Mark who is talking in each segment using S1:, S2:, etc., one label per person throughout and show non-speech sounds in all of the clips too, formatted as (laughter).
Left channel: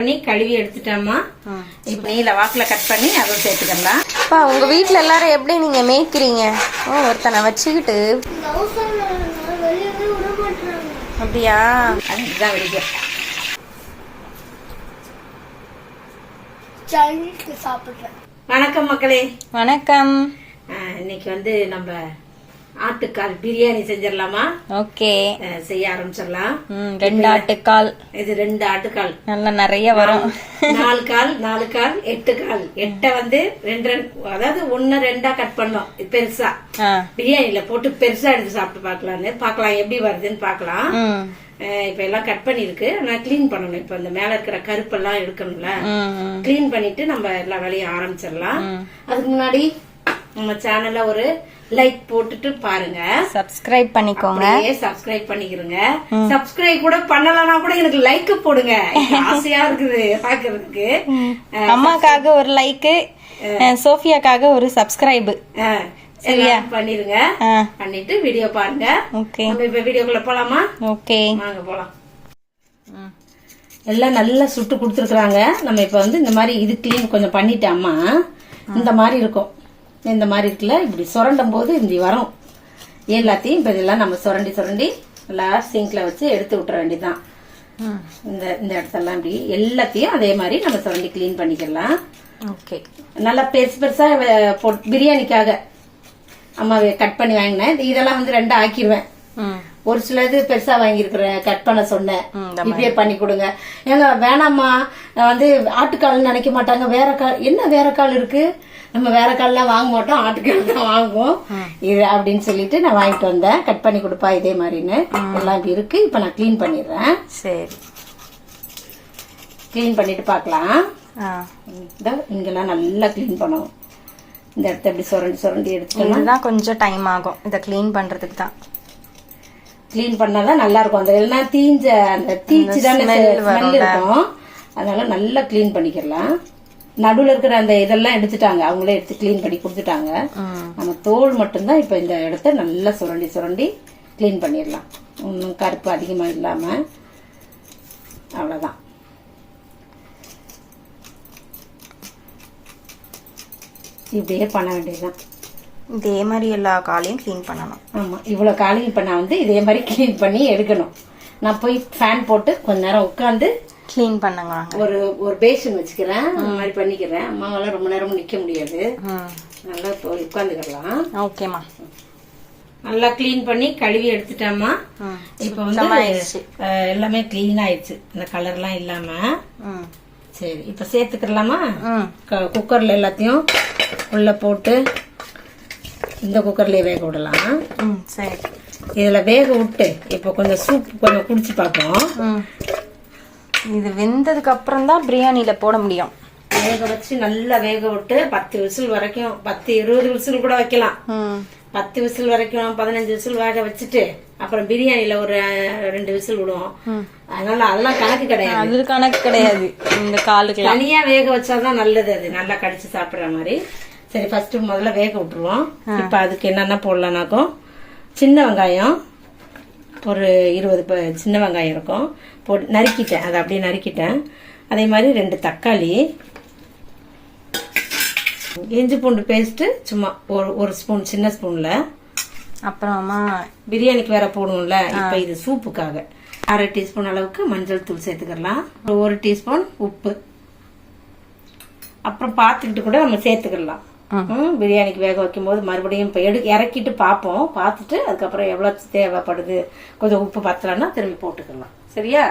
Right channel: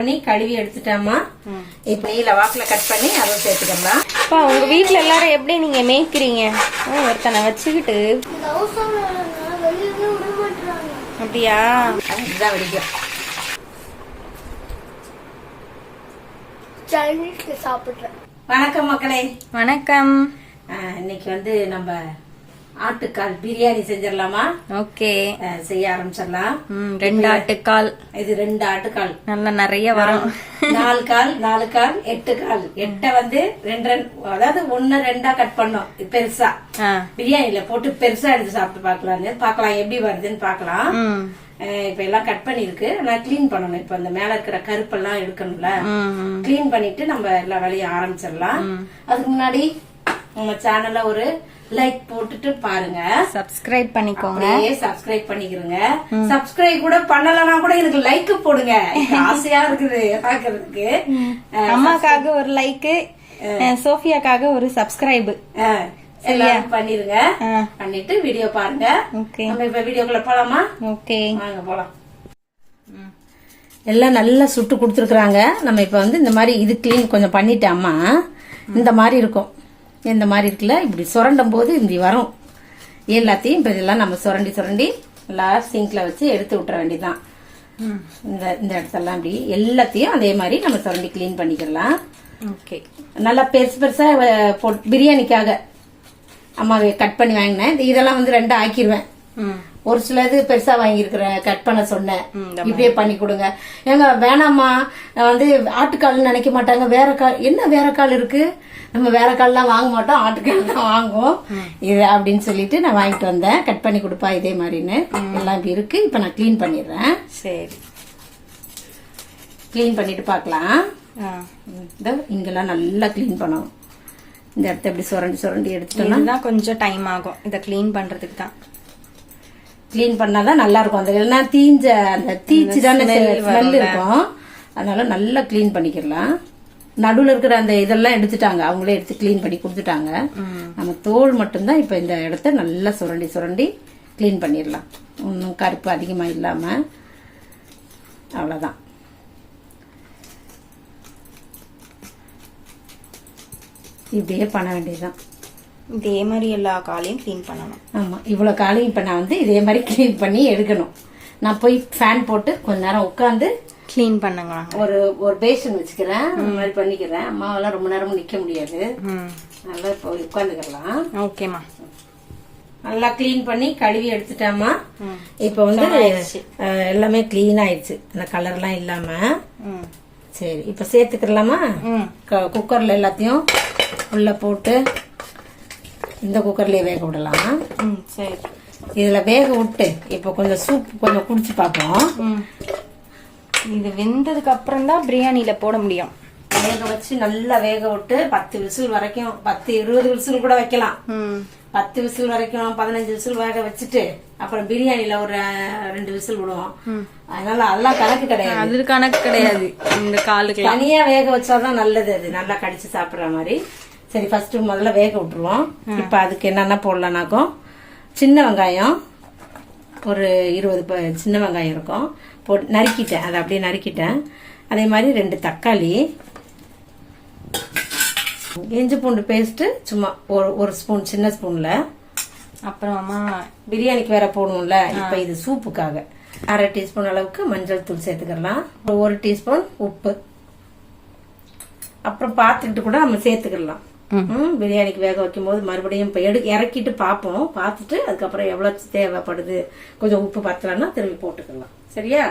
S1: பண்ணி கழுவி எடுத்துட்டோமா இப்ப நீல வாக்குல கட் பண்ணி அதை சேர்த்துக்கலாம்
S2: அப்பா உங்க வீட்ல எல்லாரும் எப்படி நீங்க மேய்க்கிறீங்க? ஓ, ஒருத்தனை வச்சுக்கிட்டு. அப்படியா?
S1: அதுதான் வெடிக்கும்.
S3: சாப்பிடுறேன்.
S1: வணக்கம் மக்களே.
S2: வணக்கம்.
S1: இன்னைக்கு வந்து நம்ம ஆட்டுக்கால் பிரியாணி செஞ்சிடலாமா?
S2: ஓகே.
S1: செய்ய ஆரம்பிச்சிடலாம்.
S2: ரெண்டு ஆட்டுக்கால்.
S1: இது ரெண்டு ஆட்டுக்கால்.
S2: நல்லா நிறைய வரும்.
S1: நாலு கால் நாலு கால் எட்டு கால். எட்டை வந்து ரெண்டு அதாவது ஒன்னு ரெண்டா கட் பண்ணோம். பெருசா. பிரியாணில போட்டு பெருசா எடுத்து சாப்பிட்டு பார்க்கலான்னு. பார்க்கலாம் எப்படி வருதுன்னு பார்க்கலாம்.
S2: ம்.
S1: அஹ் இப்ப எல்லாம் கட் பண்ணிருக்கு நான் க்ளீன் பண்ணணும். இப்ப இந்த மேல இருக்கிற கருப்பெல்லாம் எடுக்கணும்ல. க்ளீன் பண்ணிட்டு நம்ம எல்லா வேலையும் ஆரம்பிச்சிடலாம். அதுக்கு முன்னாடி நம்ம சேனல்ல ஒரு லைக் போட்டுட்டு பாருங்க.
S2: சப்ஸ்கிரைப் பண்ணிக்கோங்க.
S1: சப்ஸ்கிரைப் பண்ணிக்கிறங்க சப்ஸ்கிரைப் கூட பண்ணலனா கூட எனக்கு லைக் போடுங்க. (laughs) ஆசையா இருக்குது பாக்குறதுக்கு.
S2: அம்மாக்காக ஒரு லைக்கு சோஃபியாக்காக ஒரு சப்ஸ்கிரைப்
S1: பண்ணிருங்க. பண்ணிட்டு வீடியோ பாருங்க.
S2: ஓகே.
S1: நம்ம இப்ப வீடியோக்குள்ள போலாமா?
S2: ஓகே.
S1: வாங்க போலாம். எல்லாம் நல்லா சுட்டு கொடுத்துருக்குறாங்க. நம்ம இப்ப வந்து இந்த மாதிரி இது க்ளீன் கொஞ்சம் பண்ணிட்டோம்மா இந்த மாதிரி இருக்கும். இந்த மாதிரி இருக்குல்ல? இப்படி சுரண்டும் போது இப்படி வரும். எல்லாத்தையும் இப்ப இதெல்லாம் நம்ம சுரண்டி சுரண்டி நல்லா சிங்க்ல வச்சு எடுத்து விட்டுற வேண்டியதுதான். இந்த இந்த இடத்தெல்லாம் இப்படி எல்லாத்தையும் அதே மாதிரி நம்ம சுரண்டி க்ளீன் பண்ணிக்கலாம்
S2: ஓகே.
S1: நல்லா பெருசு பெருசா பிரியாணிக்காக அம்மா கட் பண்ணி வாங்கினேன். இது- இதெல்லாம் வந்து ரெண்டா ஆக்கிடுவேன் ஒரு சிலது பெருசா வாங்கியிருக்கிறேன் கட் பண்ண சொன்னேன். இப்படியே பண்ணி கொடுங்க. ஏங்க வேணாம்மா. நான் வந்து ஆட்டுக்கால் நினைக்க மாட்டாங்க. வேற கால் என்ன வேற கால் இருக்கு? நம்ம வேற கால்லாம் வாங்க மாட்டோம் ஆட்டுக்கால் தான் வாங்குவோம். இது அப்படின்னு சொல்லிட்டு நான் வாங்கிட்டு வந்தேன். கட் பண்ணி கொடுப்பா இதே மாதிரின்னு. எல்லாம் இருக்கு. இப்ப நான் க்ளீன் பண்ணிடுறேன்.
S2: சரி.
S1: க்ளீன் பண்ணிட்டு பார்க்கலாம். இங்கெல்லாம் நல்லா க்ளீன் பண்ணணும். இந்த இடத்த இப்படி சுரண்டி சுரண்டி எடுத்துட்டோம்னா
S2: கொஞ்சம் டைம் ஆகும். இதை க்ளீன் பண்றதுக்கு தான்.
S1: க்ளீன் பண்ணாதான் நல்லா இருக்கும் அந்த எல்லாம் தீஞ்ச அந்த தீச்சு தானே ஸ்மெல். இருக்கும். அதனால நல்லா க்ளீன் பண்ணிக்கலாம் நடுவுல இருக்கிற அந்த இதெல்லாம் எடுத்துட்டாங்க. அவங்களே எடுத்து க்ளீன் பண்ணி கொடுத்துட்டாங்க. நம்ம தோல் மட்டும்தான் இப்ப இந்த இடத்த நல்லா சுரண்டி சுரண்டி க்ளீன் பண்ணிடலாம். ஒன்றும் கருப்பு அதிகமா இல்லாம. அவ்வளவுதான். இப்படியே பண்ண வேண்டியதுதான்.
S2: இதே மாதிரி எல்லா காலையும் க்ளீன் பண்ணணும்.
S1: ஆமா இவ்வளவு காலையும் இப்ப நான் வந்து இதே மாதிரி க்ளீன் பண்ணி எடுக்கணும். நான் போய் ஃபேன் போட்டு கொஞ்ச நேரம் உட்காந்து
S2: க்ளீன் பண்ணுங்க.
S1: ஒரு ஒரு பேஷன் வச்சுக்கிறேன். அந்த மாதிரி பண்ணிக்கிறேன். அம்மாவெல்லாம் ரொம்ப நேரம் நிக்க முடியாது. நல்லா போய் உட்காந்துக்கலாம்
S2: ஓகேம்மா
S1: நல்லா க்ளீன் பண்ணி கழுவி எடுத்துட்டோமா இப்ப வந்து எல்லாமே க்ளீன் ஆயிடுச்சு. இந்த கலர்லாம் இல்லாம. சரி இப்ப சேர்த்துக்கிறலாமா? குக்கர்ல எல்லாத்தையும் உள்ள போட்டு இந்த குக்கர்லயே வேக விடலாம்.
S2: ம் சரி.
S1: இதுல வேக விட்டு இப்ப கொஞ்சம் சூப் கொஞ்சம் குடிச்சு பார்ப்போம்.
S2: இது வெந்ததுக்கு அப்புறம் தான் பிரியாணியில போட முடியும்.
S1: வேக வச்சு நல்லா வேக விட்டு பத்து விசில் வரைக்கும் பத்து இருபது விசில் கூட வைக்கலாம். பத்து விசில் வரைக்கும் பதினஞ்சு விசில் வேக வச்சுட்டு அப்புறம் பிரியாணில ஒரு ரெண்டு விசில் விடுவோம். அதனால அதெல்லாம் கணக்கு கிடையாது.
S2: அது கணக்கு கிடையாது. இந்த காலுக்குலாம்
S1: தனியா வேக வச்சாதான் நல்லது அது. நல்லா கடிச்சு சாப்பிடுற மாதிரி. சரி ஃபர்ஸ்ட் முதல்ல வேக விட்டுருவோம். இப்ப அதுக்கு என்னென்ன போடலாம்னாக்கும் சின்ன வெங்காயம் ஒரு இருபது ப- சின்ன வெங்காயம் இருக்கும். போட்டு நறுக்கிட்டேன் அதை அப்படியே நறுக்கிட்டேன். அதே மாதிரி ரெண்டு தக்காளி இஞ்சி பூண்டு பேஸ்ட் சும்மா ஒரு ஒரு ஸ்பூன் சின்ன ஸ்பூன்ல
S2: அப்புறமா
S1: பிரியாணிக்கு வேற போடுவோம்ல இப்ப இது சூப்புக்காக. அரை டீஸ்பூன் அளவுக்கு மஞ்சள் தூள் சேர்த்துக்கலாம். ஒரு டீஸ்பூன் உப்பு. அப்புறம் பார்த்துக்கிட்டு கூட நம்ம சேர்த்துக்கலாம். ம், பிரியாணிக்கு வேக வைக்கும் போது மறுபடியும் இப்போ எடு இறக்கிட்டு பார்ப்போம். பார்த்துட்டு அதுக்கப்புறம் எவ்வளோ தேவைப்படுது. கொஞ்சம் உப்பு பத்தலன்னா திரும்பி போட்டுக்கலாம். சரியா?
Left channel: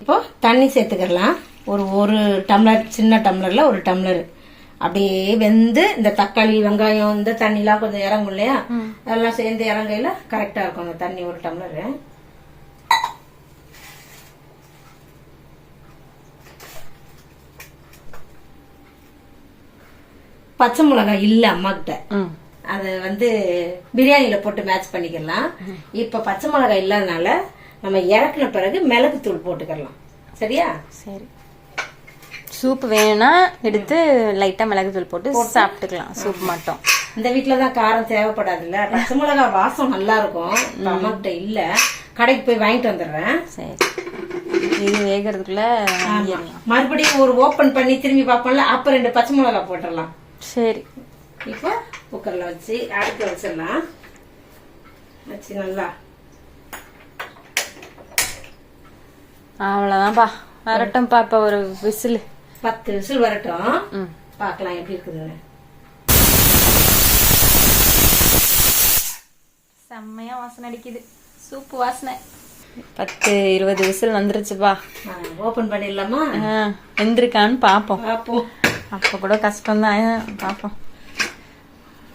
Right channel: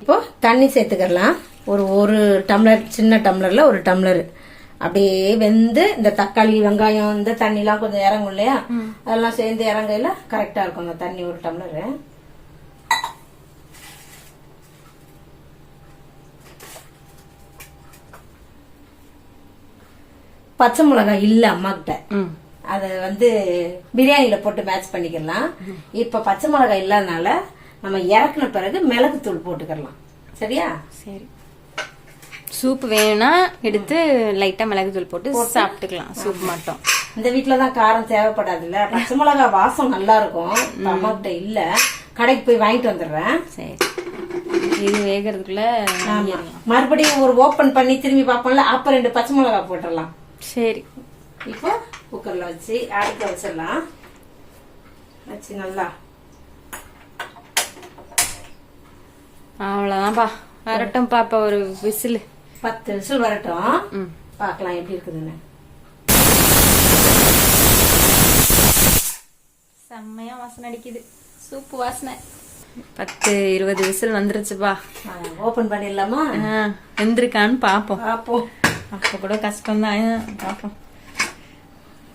S1: இப்போ தண்ணி சேர்த்துக்கலாம். ஒரு ஒரு டம்ளர் சின்ன டம்ளர்ல ஒரு டம்ளர். அப்படியே வெந்து இந்த தக்காளி வெங்காயம் இந்த தண்ணிலாம் கொஞ்சம் இறங்கும் இல்லையா? அதெல்லாம் சேர்ந்து இறங்கையில கரெக்டா இருக்கும் அந்த தண்ணி ஒரு டம்ளர். பச்சை மிளகாய் இல்ல அம்மா கிட்ட அத வந்து பிரியாணில போட்டு மேட்ச் பண்ணிக்கலாம். இப்ப பச்சை மிளகாய் இல்லாதனால நம்ம இறக்குன பிறகு மிளகு தூள் போட்டுக்கலாம். சரியா?
S2: சரி. சூப் வேணும்னா எடுத்து லைட்டா மிளகுத்தூள் போட்டு சாப்பிட்டுக்கலாம். சூப் மட்டும்.
S1: இந்த வீட்டுலதான் காரம் தேவைப்படாதுல்ல. பச்சை மிளகாய் வாசம் நல்லா இருக்கும். அம்மா கிட்ட இல்ல. கடைக்கு போய் வாங்கிட்டு வந்துடுறேன்.
S2: சரி. இது வேகிறதுக்குள்ள
S1: மறுபடியும் ஒரு ஓபன் பண்ணி திரும்பி பார்ப்போம்ல. அப்ப ரெண்டு பச்சை மிளகாய் போட்டுடலாம்.
S2: சரி.
S1: இப்போ குக்கர்ல வச்சு அடுக்க வச்சிடலாம். வச்சு நல்லா.
S2: அவ்வளவுதான்ப்பா. வரட்டும்ப்பா இப்ப ஒரு விசில்.
S1: பத்து விசில் வரட்டும். பார்க்கலாம் எப்படி இருக்குதுன்னு.
S2: செம்மையா வாசனை அடிக்குது. சூப்பு வாசனை. பத்து இருபது விசில் வந்துருச்சுப்பா.
S1: ஓபன் பண்ணிடலாமா?
S2: ஆ, வெந்திருக்கான்னு பாப்போம்.
S1: பார்ப்போம்
S2: அப்ப கூட கஷ்டம்தான். பாப்போம்.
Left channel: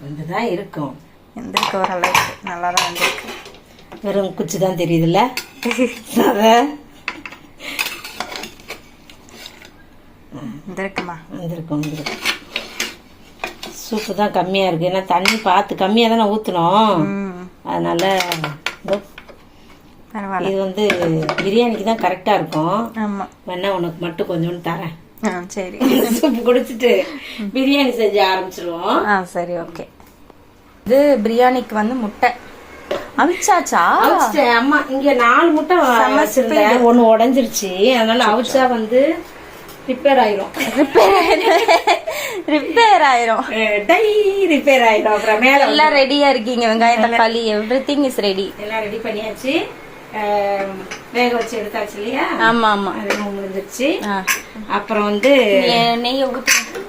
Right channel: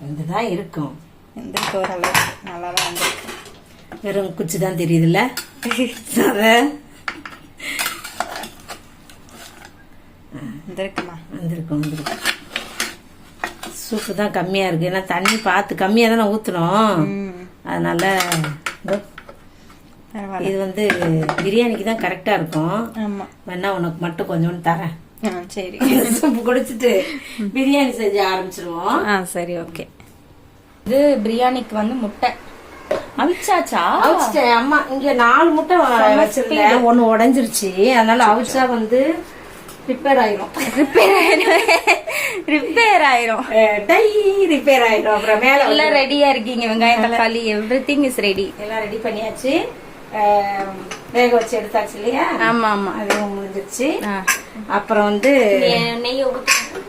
S1: வந்துதான் இருக்கும்.
S2: வெந்திருக்கு ஓரளவுக்கு. நல்லா தான் வந்திருக்கு
S1: வெறும் குச்சி தான் தெரியுதுல்ல அத
S2: வந்திருக்குமா
S1: வந்திருக்கும் வந்திருக்கும். சூப்பு தான் கம்மியா இருக்கு. ஏன்னா தண்ணி பார்த்து கம்மியா தானே ஊத்தணும்
S2: ம்.
S1: அதனால இதோ.
S2: பரவாயில்ல.
S1: இது வந்து பிரியாணிக்கு தான் கரெக்டா இருக்கும்.
S2: ஆமா.
S1: வேணா உனக்கு மட்டும் கொஞ்சோண்டு தரேன்.
S2: சரி. (laughs)
S1: குடிச்சிட்டு பிரியாணி செஞ்சு ஆரம்பிச்சிருவோம்.
S2: ஆ சரி ஓகே. இது பிரியாணிக்கு வந்து முட்டை. அவிச்சாச்சா?
S1: அவிச்சிட்டேன். அம்மா இங்க நாலு முட்டை வச்சிருந்தேன். ஒண்ணு உடைஞ்சிருச்சு. அதனால அவிச்சா வந்து ரிப்பேர் ஆயிரும்.
S2: ரிப்பேர் ஆயிரும். ரிப்பேர் ஆயிரும்.
S1: டை ரிப்பேர் ஆயிரும். அப்புறம் மேல
S2: எல்லாம் ரெடியா இருக்கீங்க. வெங்காயம் தக்காளி எவ்ரி திங் இஸ் ரெடி
S1: எல்லாம் ரெடி பண்ணியாச்சு. வேக வச்சு எடுத்தாச்சு இல்லையா?
S2: ஆமா ஆமா.
S1: அதுவும் முடிஞ்சிருச்சு. அப்புறம் வந்து
S2: நெய்-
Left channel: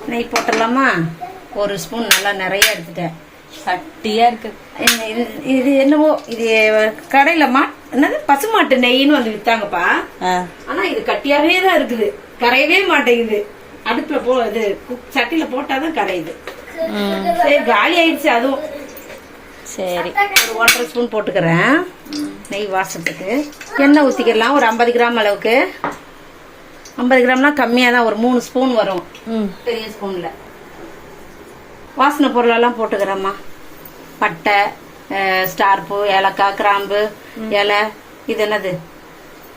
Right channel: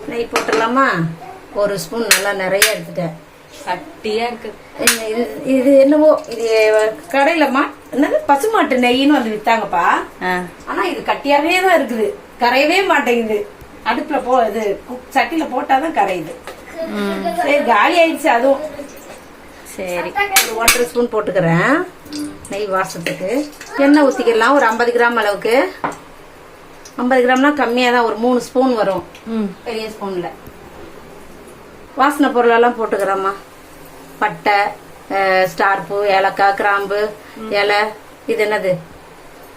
S2: நெய்
S1: போட்டுடலாமா? ஒரு ஸ்பூன் நல்லா நிறைய எடுத்துட்டேன்.
S2: சட்டியா இருக்கு.
S1: இது- என்னவோ இது கடையில மா என்னது? பசுமாட்டு நெய்ன்னு வந்து வித்தாங்கப்பா. ஆனா இது கட்டியாவே தான் இருக்குது. கரையவே மாட்டேங்குது. அடுப்புல போ இது குக் சட்டியில போட்டாதான் கரையுது. சரி காலி ஆயிடுச்சு அதுவும்.
S2: சரி.
S1: ஒரு ஒன்றரை ஸ்பூன் போட்டுக்கிறேன். நெய் வாசத்துக்கு. எண்ணெய் ஊற்றிக்கலாம் ஒரு ஐம்பது கிராம் அளவுக்கு. ஐம்பது கிராம்னா கம்மியாக தான் ஒரு மூணு ஸ்பூன் வரும்.
S2: ம்.
S1: பெரிய ஸ்பூனில் வாசனை பொருளெல்லாம் போட்டுக்கிறேம்மா. பட்டை அஹ், ஸ்டார் பூ ஏலக்காய் கிராம்பு இலை. இது என்னது?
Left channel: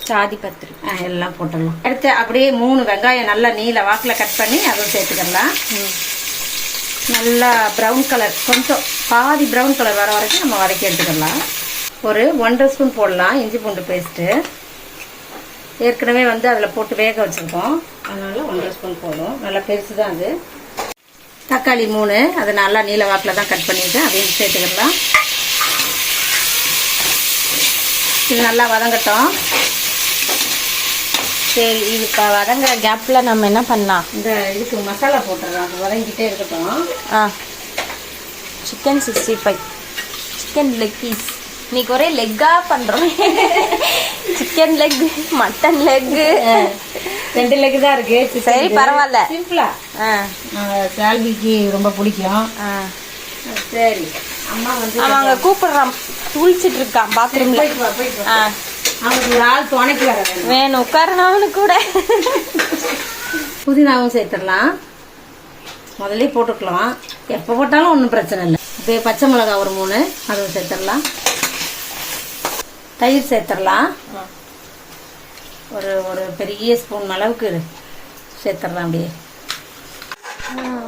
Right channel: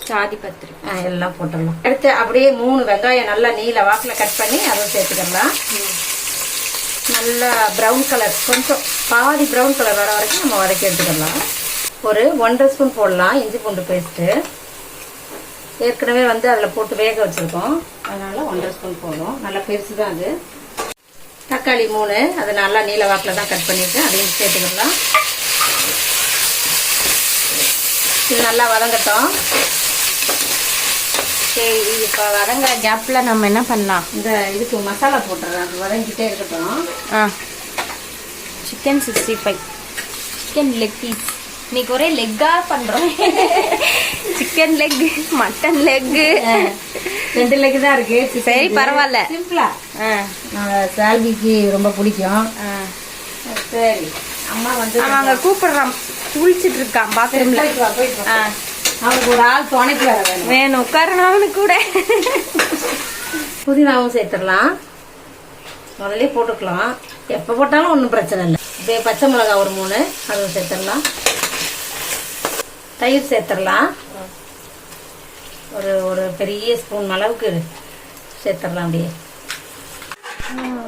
S2: சாதி பத்திரி
S1: ஆ, எல்லாம் போட்டுடலாம். அடுத்து அப்படியே மூணு வெங்காயம் நல்லா நீல வாக்கில் கட் பண்ணி அதுவும் சேர்த்துக்கலாம். நல்லா ப்ரௌன் கலர் கொஞ்சம் பாதி ப்ரௌன் கலர் வர வரைக்கும் நம்ம வதக்கி எடுத்துக்கலாம். ஒரு ஒன்றரை ஸ்பூன் போடலாம் இஞ்சி பூண்டு பேஸ்ட்டு ஏற்கனவே வந்து அதில் போட்டு வேக வச்சுருக்கோம். அதனால் ஒன்றரை ஸ்பூன் போடும் நல்லா பெருசு தான் அது. தக்காளி மூணு அதை நல்லா நீல வாக்கில் தான் கட் பண்ணிவிட்டு அதையும் சேர்த்துக்கலாம். இது நல்லா வதங்கட்டும்.
S2: சரி இது இப்ப வதங்குற கேப்ல நம்ம என்ன பண்ணலாம்?
S1: இந்த இதுக்கு மசாலா போட்டுறேன் அது வதங்கிட்டே இருக்கட்டும்.
S2: ஆ. Chicken sixty five chicken leg piece இன்னைக்கு ஒரே லெக்கா பண்றோம். சிக்கன் லெக் மட்டன் லெக்
S1: ரெண்டு லெக் தான் இருக்கு.
S2: சரி பரவாயில்ல.
S1: சிம்பிளா. சால்விக்கு ரொம்ப பிடிக்கும்.
S2: ஆ.
S1: சரி. அம்மா வந்து
S2: அவன் அங்க கூப்பிடுறான். குளிச்சிட்டு இருக்கான் பாத்ரூம்ல
S1: போயிட்டு வேணும்.
S2: உட்காரணும் அவனுக்கு கூட.
S1: புதினாவும் சேர்த்துடலாம். முதல்ல போட்டுக்கலாம். எப்போ போட்டாலும் ஒன்றும் பிரச்சனை இல்லை. இப்போ பச்சை மிளகாய் ஒரு மூணு அதுவும் சேர்த்துடலாம். தயிர் சேர்த்துடலாம். ஒரு ஒரு பெரிய ஸ்பூன் அளவுக்கு சேர்த்துடலாம் அப்படியே.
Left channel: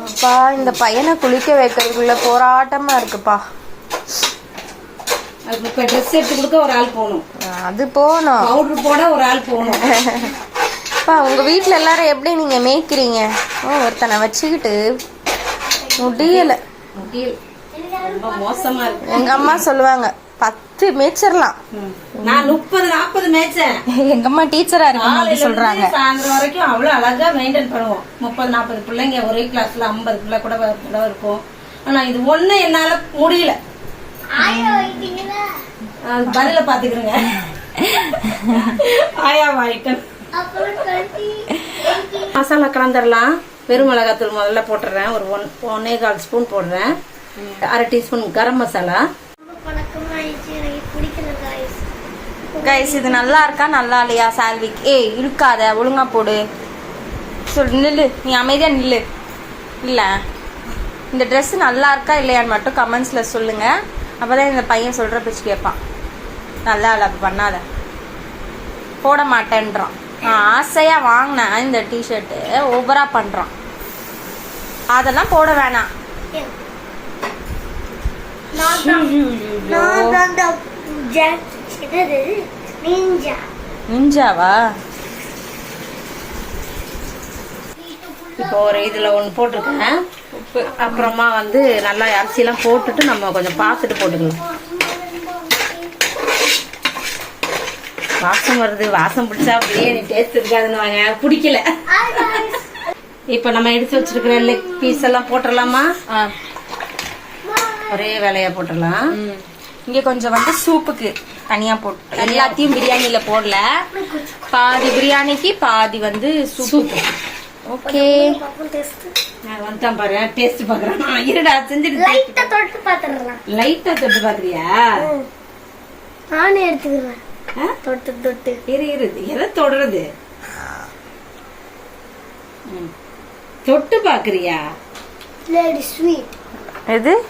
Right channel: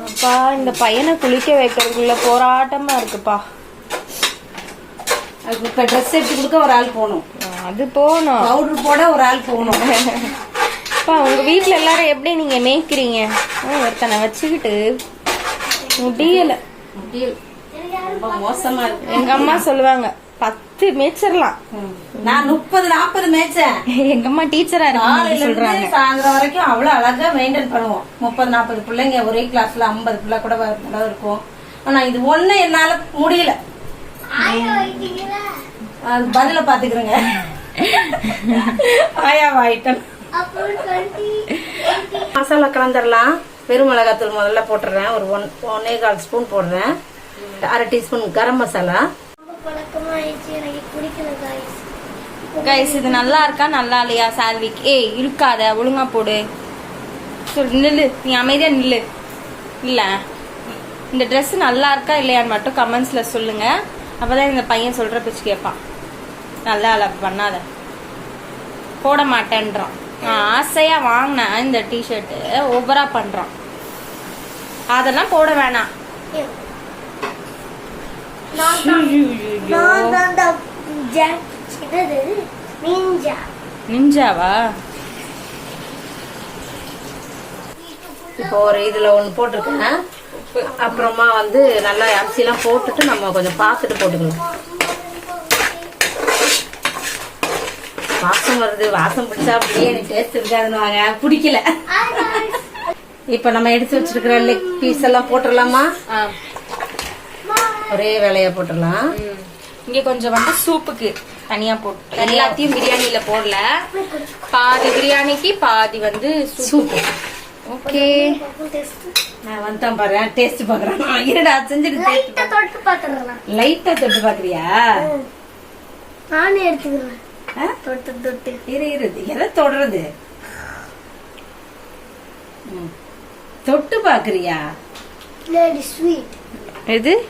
S2: அப்பா இந்த பையனை குளிக்க வைக்கிறதுக்குள்ள போராட்டமா இருக்குப்பா.
S1: அதுக்கு இப்போ ட்ரெஸ் எடுத்து கொடுக்க ஒரு ஆள் போகணும்.
S2: அது போகணும்.
S1: பவுடர் போட ஒரு ஆள் போகணும்.
S2: அப்பா உங்க வீட்ல எல்லாரும் எப்படி நீங்க மேய்க்கிறீங்க? ஓ, ஒருத்தனை வச்சுக்கிட்டு முடியல.
S1: ரொம்ப மோசமா இருக்கு.
S2: எங்க அம்மா சொல்லுவாங்க பத்து மேய்ச்சிடலாம்
S1: நான் முப்பது நாற்பது மேய்ச்சேன்.
S2: எங்க அம்மா டீச்சரா
S1: காலையில
S2: சொல்றாங்க.
S1: சாயந்தரம் வரைக்கும் அவ்வளவு அழகா மெயின்டைன் பண்ணுவோம். முப்பது நாற்பது பிள்ளைங்க ஒரே கிளாஸ்ல ஐம்பது பிள்ளை கூட கூட இருக்கும். ஆனா இது ஒண்ணு என்னால முடியல. பதில பாத்துக்கிறேங்க. ஆயா வாயிட்டன். மசாலா கலந்துடலாம் வெறும் மிளகாத்தூள் முதல்ல போட்டுறேன். ஒரு ஒன் ஒன்னே கால் ஸ்பூன் போடுறேன். அரை டீஸ்பூன் கரம் மசாலா.
S2: கைஸ் இது நல்லா இருக்கா? நல்லா இல்லையா சால்விக் ஏய் இருக்காத ஒழுங்கா போடு. சொல் நில்லு. நீ அமைதியா நில்லு. இல்ல. இந்த Dress நல்லா இருக்கா இல்லையான்னு மட்டும் கமெண்ட்ஸ்ல சொல்லுங்க. அப்பதான் இந்த பையன் சொல்ற பேச்சு கேட்பான். நல்லா இல்லை பண்ணாத. போட மாட்டேன்றான். நான் ஆசையா வாங்கின இந்த டிஷர்ட்டு ஓவராக பண்றான். அதெல்லாம் போட வேணாம். நிஞ்சாவா
S1: இப்போ ஒரு இதுல ஒன்று போட்டிருக்கேன். அப்புறமா வந்து நல்லா அரிசி எல்லாம் போட்டுட்டு நம்ம கொஞ்சம் பாத்துட்டு போட்டுக்கலாம். வாசம் வருது வாசம் பிடிச்சா பிரியாணி டேஸ்ட் இருக்காதுன்னு வாங்க பிடிக்கல இப்ப நம்ம எடுத்து வச்சிருக்கிற லெக் பீஸ் எல்லாம் போட்டுடலாமா. ஒரே வேலையா போட்டுடலாம்.
S2: இங்க கொஞ்சம் வந்து சூப்புக்கு தனியா போட்டு எல்லாத்தையும் பிரியாணில போடல. பாதி பிரியாணிக்கு பாதி வந்து சூப்
S1: சூப்பு
S2: ஓகே.
S1: நான் வந்துட்டேன் பாரு டேஸ்ட் பாக்குறேன். இருடா செஞ்சுட்டு
S3: லைட்டா தொட்டு பாத்துடலாம்.
S1: லைட்டா தொட்டு பாக்குறியா?
S3: நானே எடுத்துக்கிறேன்? தொட்டு தொட்டு.
S1: இரு இரு. எதை தொடருது. ம். தொட்டு பாக்குறியா
S3: பிளேடி ஸ்வீட்
S2: எது?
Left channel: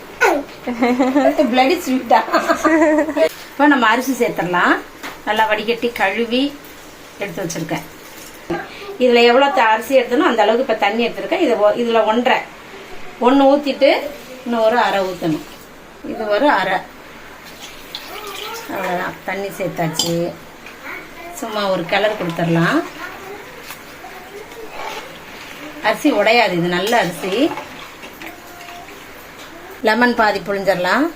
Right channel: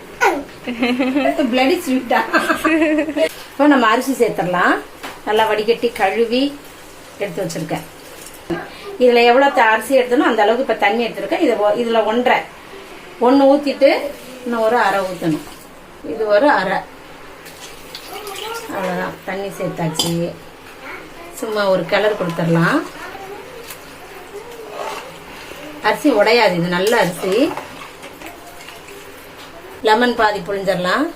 S1: பிளடி ஸ்வீட்டா (laughs) இப்போ நம்ம அரிசி சேர்த்துடலாம். நல்லா வடிகட்டி கழுவி எடுத்து வச்சிருக்கேன். இதுல எவ்வளவு த- அரிசி எடுத்தனோ அந்த அளவுக்கு இப்ப தண்ணி எடுத்திருக்கேன். இது இதுல ஒன்றரை. ஒன்னு ஊத்திட்டு இன்னும் ஒரு அரை ஊத்தணும். இது ஒரு அரை. அவ்வளவுதான். தண்ணி சேர்த்தாச்சு. சும்மா ஒரு கிளறு கொடுத்துடலாம். அரிசி உடையாது. இது நல்ல அரிசி. லெமன் பாதி புழிஞ்சிடலாம்.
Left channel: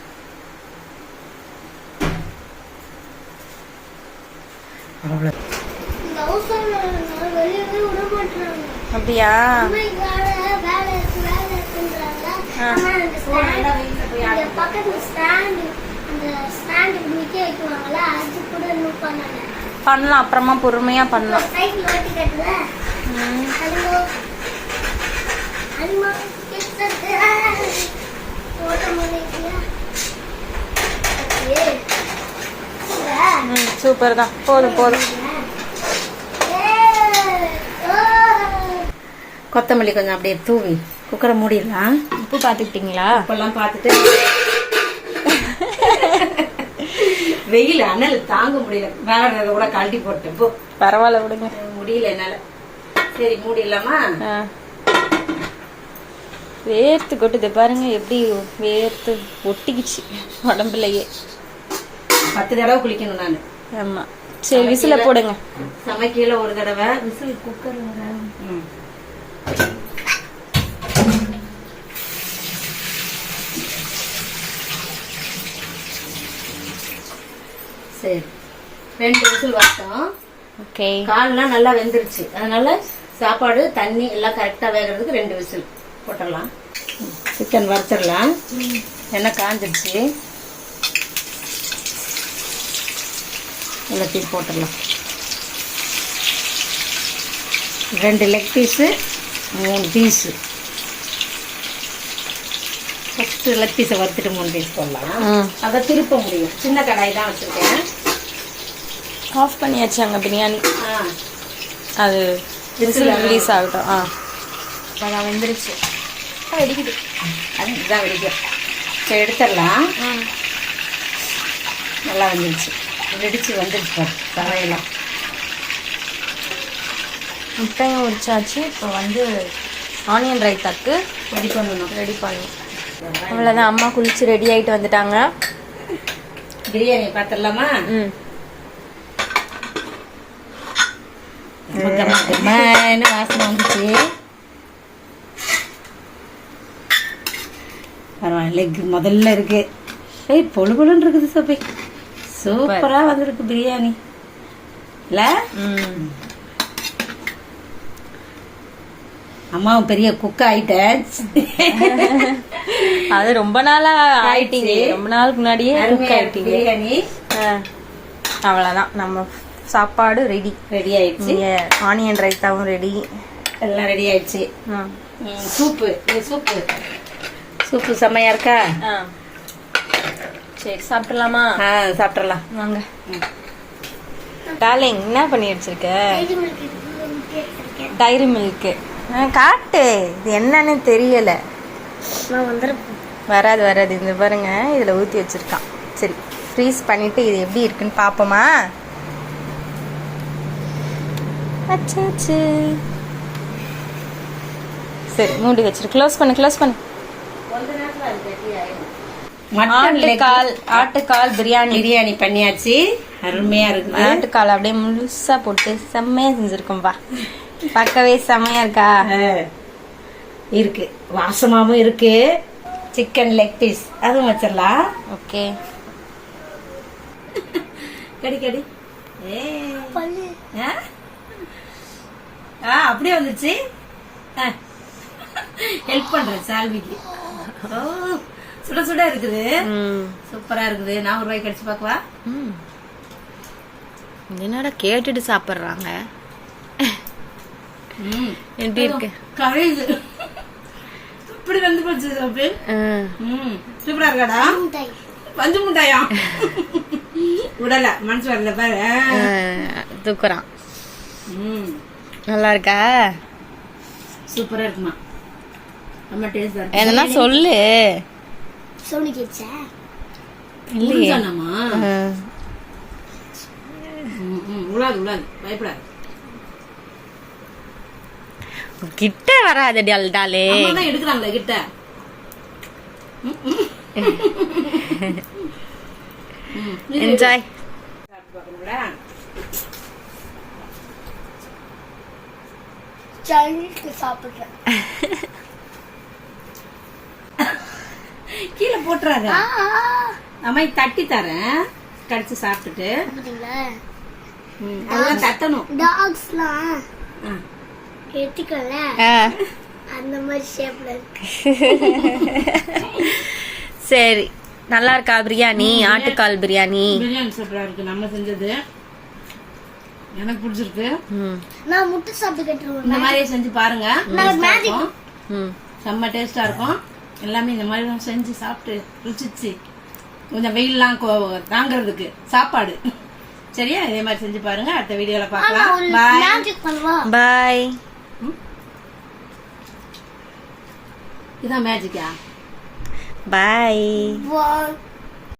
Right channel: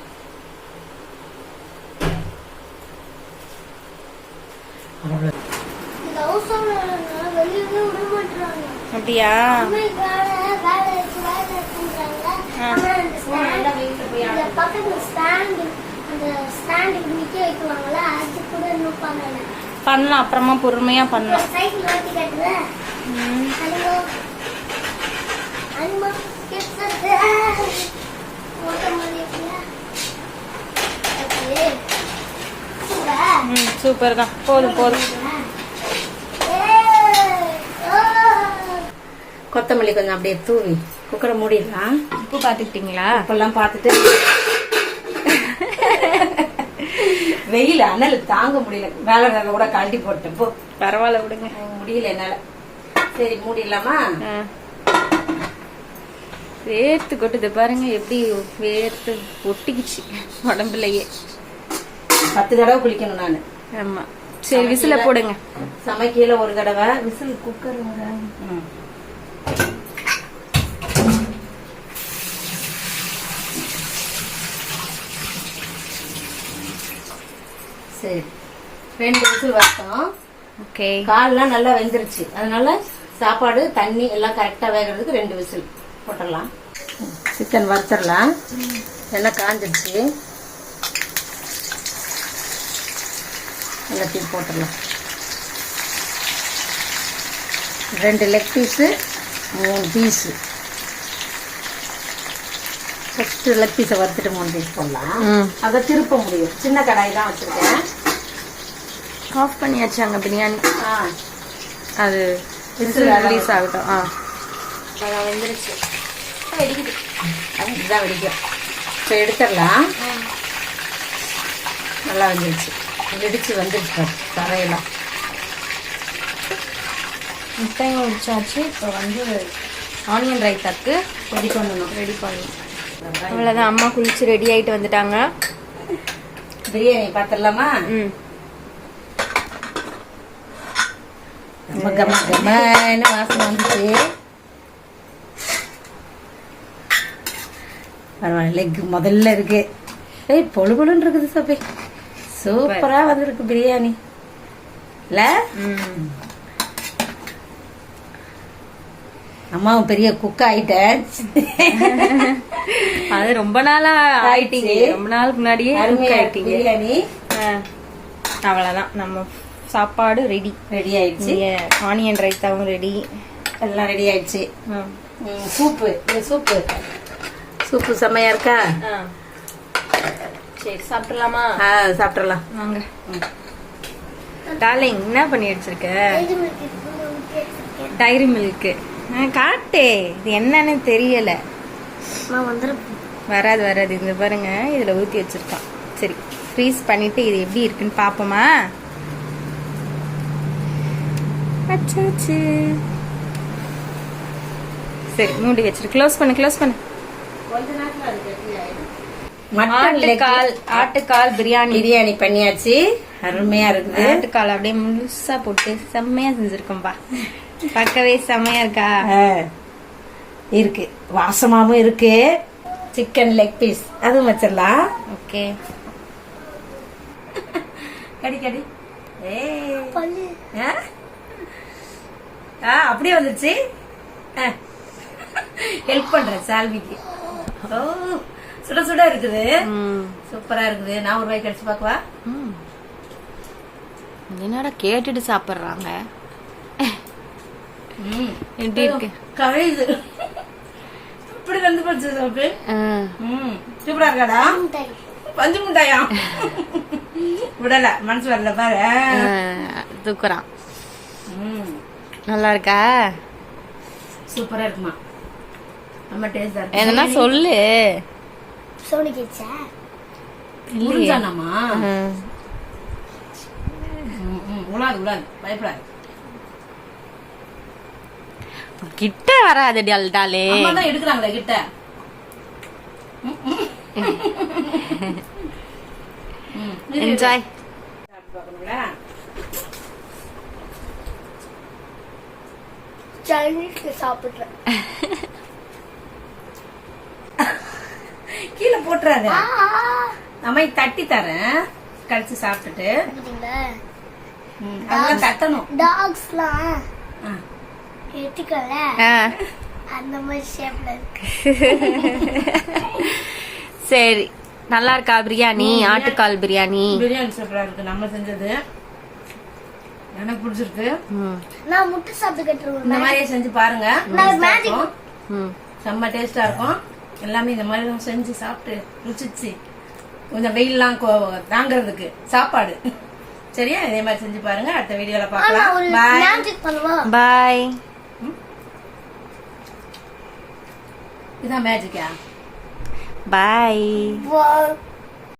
S2: அப்படியா? ஆ.
S3: ஸ்டாண்ட் நிக்க அது கூட இன்னும் பண்ணல.
S2: பண்ணலாம். அப்புறமா பொறுமையா பண்ணலாம்.
S3: சைக்கிள் ஓட்டி கட்டுல
S2: ம்.
S3: அனிமா அனிமா கிட்ஸ் ஓட்ட முடியல ஓகே சூப்பர்?
S2: தான் போதும் போதும்.
S1: கொத்தமல்லி கொஞ்சம் அப்படியே தூவி. குக்கரை மூடிடலாம்.
S2: உப்பு பாத்துக்கிட்டீங்களா
S1: இப்பெல்லாம் பார்த்துட்டு வெயில் அனல் தாங்க முடியல. வேலை கூட கழட்டி போட்டேன் போ.
S2: பரவாயில்ல விடுங்க.
S1: முடியல என்னால. சரி மூடிடலாமா.
S2: வேர்த்து கொட்டுது பாருங்க எப்படி வேர்த்து ஒட்டிக்கிச்சு உடம்புலயே.
S1: பத்து தடவை குளிக்கணும் நானு.
S2: ஆமா. சரி விசில போடுங்க.
S1: சமைக்கையில ஒரு தடவை. விசில் குக்கர் சரி ரெண்டு விசில் வரட்டும்
S2: ஓகே.
S1: கால்லாம் நல்லா வெந்துருச்சு. அதனால சாப்பாடு தண்ணி எல்லாம் கரெக்டா வேகிறதுக்கு ரெண்டு விசில் போட்டுடலாம். சிக்கன் வறுத்துடலாம். எண்ணெய் காஞ்சிருச்சு. எல்லாத்தையும் போட்டுடலாம். ரெண்டு லெக் பீஸு மூணு பீஸு ஃபர்ஸ்ட் லெக் பீஸை வறுத்துட்டு மூணு பீஸ் போடலாம். அதை திருப்ப முடியும். சின்ன கடாய் தான் வச்சிருக்கேன்.
S2: ஆஃப் பண்ணியாச்சு அங்க பிரியாணி.
S1: ஆ
S2: அது விசில் ரிலீஸ் ஆகட்டும் ஆ.
S1: வந்துருச்சு. வெடிக்குது. அது இதுதான் வெடிக்கும். இப்போ எடுத்துடலாம். நல்லா வந்துருச்சு. வெடிச்சு வந்துருச்சு தலையெல்லாம்.
S2: முட்டையும் உரிச்சாச்சு. இப்போ வந்து ஆனியன் ரைத்தாக்கு
S1: ரெடி பண்ணணும்.
S2: ரெடி பண்ணணும். அவ்வளோதான் அம்மா குளிச்சு ரெடி ஆயிட்டு வந்துட்டாங்க.
S1: பிரியாணி பார்த்துடலாமா
S2: ம்.
S1: கம கம கமன்னு வாசனை வந்துச்சு பரவாயில்ல முதல்ல இருக்கு. ஏய் பொழு பொழுன்னு இருக்குது சோபி. சூப்பரா வந்திருக்கு பிரியாணி. இல்ல? அம்மாவும் பெரிய குக் ஆயிட்டேன்.
S2: அது ரொம்ப நாளா ஆயிட்டீங்க. ரொம்ப நாளுக்கு முன்னாடியே
S1: இருக்கு
S2: ஆயிட்டீங்க.
S1: பிரியாணி.
S2: அவ்வளவுதான். நம்ம சாப்பாடு ரெடி
S1: ரெடி ஆயிடுச்சு.
S2: ஆனியன் ரைத்தாவும் ரெடி
S1: எல்லாம் ரெடி ஆயிடுச்சு. ம், சூப்பு. சூப்பு. சூப்பு செம்மையா இருக்கா?
S2: சரி சாப்பிடலாமா?
S1: ஆ சாப்பிட்றலாம்
S2: வாங்க. டார்லிங் என்ன பண்ணி வச்சிருக்க? டைரி மில்க் காட்டு. இது என்னன்னு தெரியல. வராது வராது. இந்த பாருங்க. இதுல ஊத்தி வச்சிருக்கான். சரி ஃப்ரீஸ் பண்ணிட்டு இது எப்படி இருக்குன்னு பாப்போமா? அச்சாச்சு. சரி மூடி வச்சிரு. க்ளோஸ் பண்ணு க்ளோஸ் பண்ணு. ஆட்டுக்கால் ஆட்டுக்கால் பிரியாணி.
S1: பிரியாணி பண்ணியாச்சு. அருமையா இருக்குது
S2: ஆட்டுக்கால் அப்படியே முழுசா போட்டு செம்மையா செஞ்சிருக்கோம்பா பார்க்கவே செம்மையா இருக்கா?
S1: இருக்கு. வாசமாவும் இருக்கு. சிக்கன் லெக் பீஸ் அதுவும் வச்சிடலாம்
S2: ஓகே.
S1: கடி கடி.
S3: பல்லு.
S1: ஆ? அப்படியே வந்துச்சு. ஹெல்ப் பண்றேன் சால்விக்கு. ஓ சுட சுட இருக்குது.
S2: ம்.
S1: சூப்பரா இருக்குது. நான் ஒரு ரூபாய் கடிச்சு பார்க்கவா?
S2: ம். என்னடா கேட்டுட்டு சாப்பிடுறாங்க?
S1: ம்.
S2: எப்படி இருக்கு?
S1: கரையுது. இப்படி வந்து போச்சு.
S2: ம்.
S1: சூப்பரா இருக்காடா? பஞ்சு முட்டாயா. (laughs) விடல மனசு வரல பாரு.
S2: தூக்குறான்.
S1: ம்.
S2: நல்லா இருக்கா
S1: சூப்பரா இருக்குமா? ரொம்ப டேஸ்டா இருக்கு.
S2: என்னன்னா சொல்லு.
S3: சோனி கிச்சா
S2: இல்லையே.
S1: உலாது உலாது. பயப்படாது.
S2: கிட்ட வராது டாலே
S1: அம்மா தான் எடுக்கிறாங்களே கிட்ட.
S2: என்ஜாய் (laughs)
S3: சைனீஸ் சாப்பிடுறேன்.
S1: கீழே போட்டுறாரு. அம்மா தட்டி தரேன். கடிச்சு சாப்பிட்டுட்டு. அதெல்லாம் தட்டணும்.
S3: டாக்ஸ்லாம்
S1: ஆ.
S3: அந்த மாதிரி ஷேப்ல இருக்கு.
S2: சரி. நல்லா இருக்கா பிரியாணி. ஆட்டுக்கால் பிரியாணி.
S1: பிரியாணி சூப்பரா இருக்கு. நம்ம செஞ்சது. எனக்கு பிடிச்சிருக்கு.
S3: நான் முட்டை சாப்பிட்டு
S1: இந்த மாதிரியே செஞ்சு பாருங்க. செம்ம டேஸ்டா இருக்கும். எல்லாமே இந்த மாதிரி தான் செஞ்சு சாப்பிட்டு ருசிச்சு கொஞ்சம் வெயில்லாம் கோ- தாங்கறதுக்கு சாப்பாடு. சரியா? இதே மாதிரி செஞ்சு பாருங்க. அடுத்த வீடியோல
S3: ஒரு
S1: பாய்
S3: மேஜிக் பண்ணுவா?
S2: பாய்
S1: இதான் மேஜிக்கா
S2: பாய்.